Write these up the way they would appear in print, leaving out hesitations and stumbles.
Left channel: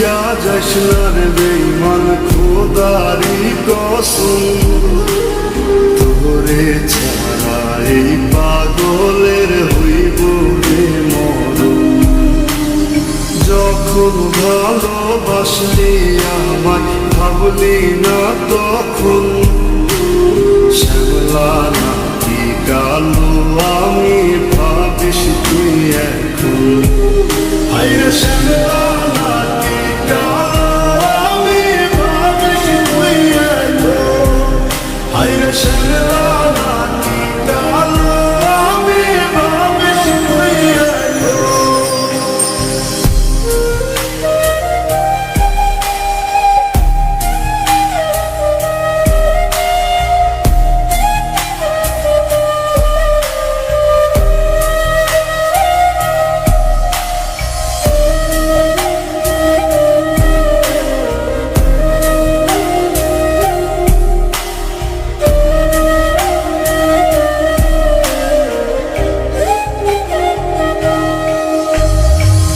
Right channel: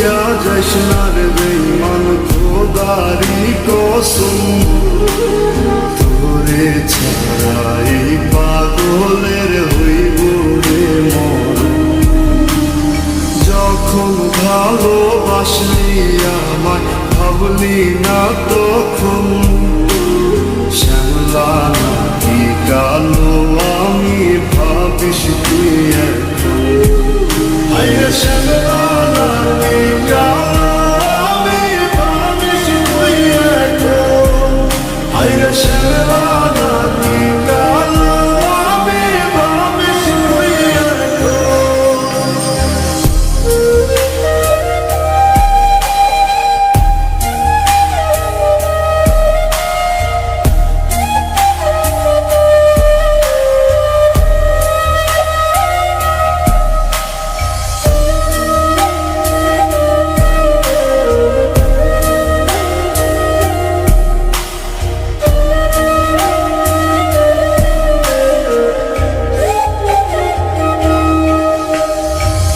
ভুলিয়া যাইস না রে বেঈমান খোদারি কসম, তোরে ছাড়া এই পাগলের হইব রে মরণ। যখন ভালোবাসলি আমায় ভাবলি না তখন, শ্যামলা নাকি কালো আমি ভাবিস তুই এখন। হায়রে শ্যামলা নাকি কালো আমি ভাবিস তুই এখন। হায়রে শ্যামলা নাকি কালো আমি ভাবিস তুই এখন।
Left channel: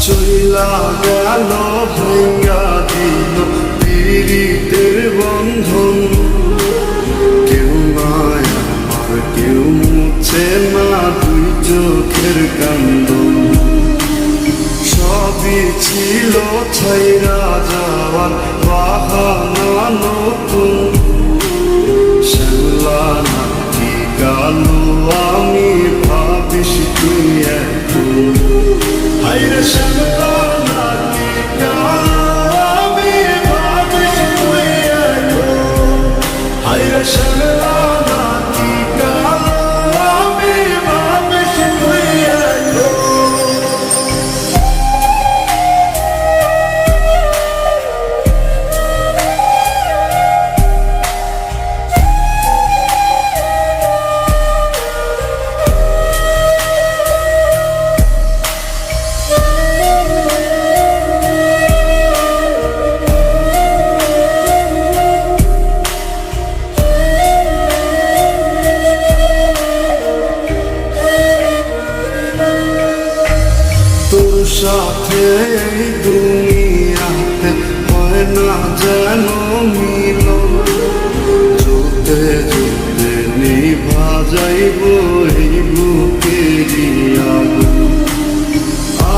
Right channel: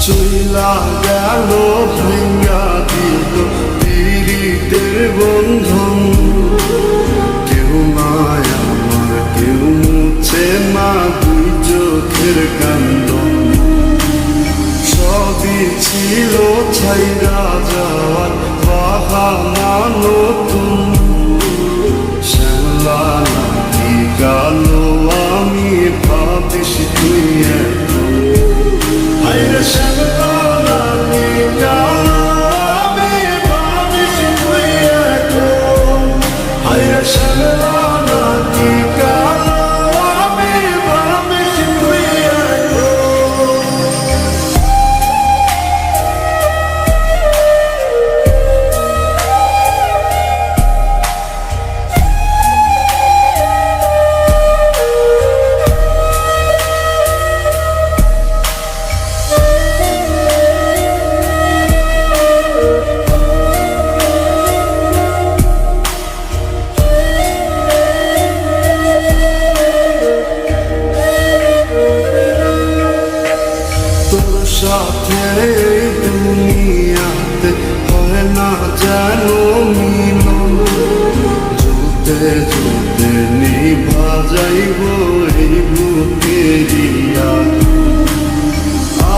চইলা গেল ভাঙ্গা দিল পীড়িতের বন্ধন, কেউ নাই আমার কেউ মুছে না দুই চোখের কান্দন। সবই ছিল ছাইরা যাওয়ার বাহানা নতুন, শ্যামলা নাকি কালো আমি ভাবিস তুই এখন। হায়রে শ্যামলা নাকি কালো আমি ভাবিস তুই এখন। হায়রে শ্যামলা নাকি কালো আমি ভাবিস তুই এখন। তোর সাথে এই দুনিয়াতে হয় না যেন মিলন, জোতে জোতে নিভা যাইব এই বুকেরই আগুন।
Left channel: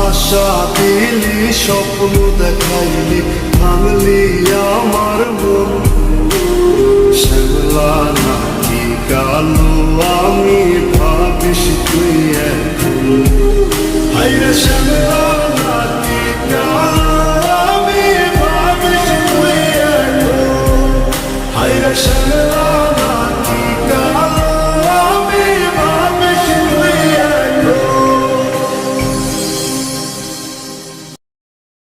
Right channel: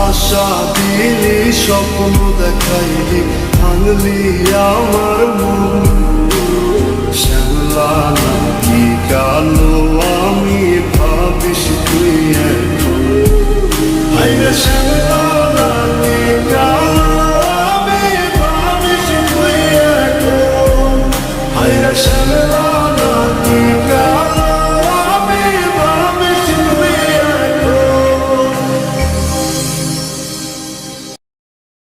আশা দিলি স্বপ্ন দেখাইলি ভাঙলি আমার মন, শ্যামলা নাকি কালো আমি ভাবিস তুই এখন। হায়রে শ্যামলা